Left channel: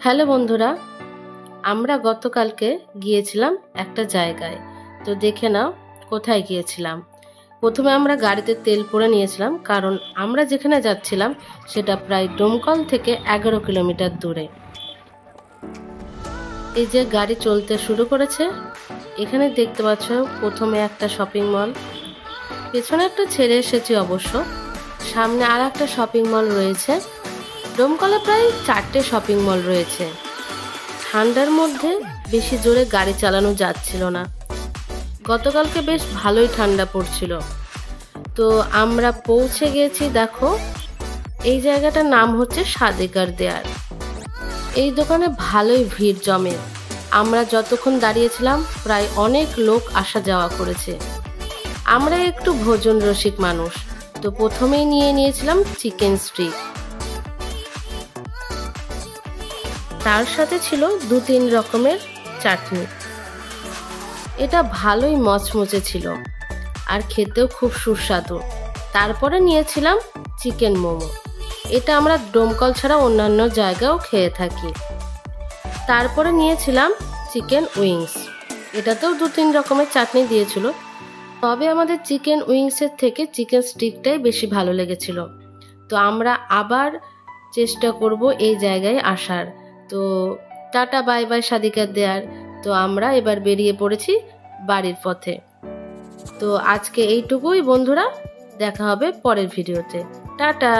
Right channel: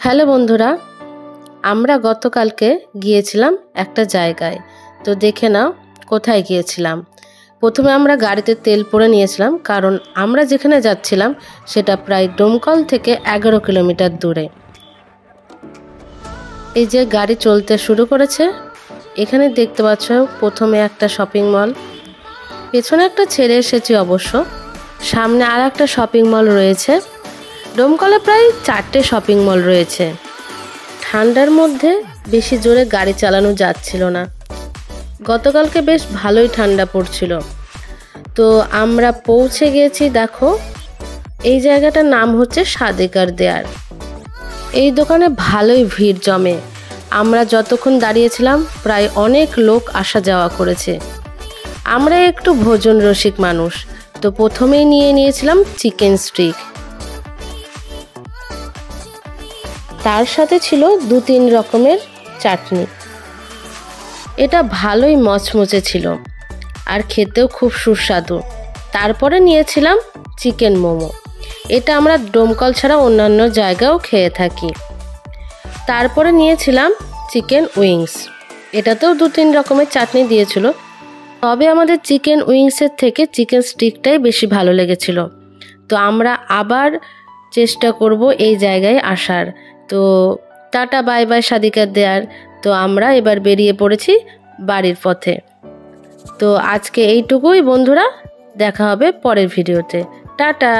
Hello বন্ধুরা, আমরা গতকালকে গিয়েছিলাম একটা জায়গায়। তো দেখে নাও কোথায় গিয়েছিলাম। প্রথমে আমরা গাড়িতে তেল ভরে নিয়েছিলাম, কারণ আমরা যেখানে যাচ্ছিলাম সেটা প্রায় ডোমকল থেকে 11 কিলোমিটার দূরে। এই যে গাড়ি চলতে শুরু করেছে, এখানে দেখতে পাচ্ছ প্রথমে একটা শপিং মল, পেছনে একটা ছেড়ে এসেছি অবশ্য, সামনে আর একটা শপিং মল রয়েছে। ডোমকলে প্রায় 4টে শপিং মল রয়েছে। ঠান্ডার মধ্যে বেশি জোরে গাড়ি চালানো যাচ্ছিল না। গতকালকে বেশ ভালোই ঠান্ডা পড়ছিল। তো আমরা পৌঁছে গেছি। দেখো, এই জায়গাটার নাম হচ্ছে সাদেকার দেয়ার। এই দোকানে ভালোই ভিড় জমে। আমরা যতক্ষণ দাঁড়িয়েছিলাম প্রায় অনেক লোক আসা যাওয়া করেছে। আমরা একটু ভোজন রসিক মানুষ, তো প্রথমেই নিয়েছিলাম চিকেন স্টিক। তার সাথে ছিল 2-3 রকমের চাটনি। এটা ভালোই মচমচে ছিল আর খেতেও খুব সুস্বাদু। তারপরে নিয়েছিলাম চিকেন মোমো। এটা আমরা ডোমকল ছাড়া অন্যান্য জায়গায়ও খেয়ে থাকি। তারপরে নিয়েছিলাম চিকেন উইংস। এটাতেও 2-3 রকমের চাটনি দিয়েছিল, তবে আমাদের চিকেন উইংসের থেকে চিকেন স্টিকটাই বেশি ভালো লেগেছিল। তো আমরা আবার চেষ্টা করব এই জায়গায় আসার। তো টাটা বাই বাই সাদিকার দেয়ার। তো আমরা এবার বেরিয়ে পড়েছি বাড়ির পথে। তো আজকে এইটুকুই বন্ধুরা, দেখা হবে পরের ভিডিওতে। টাটা।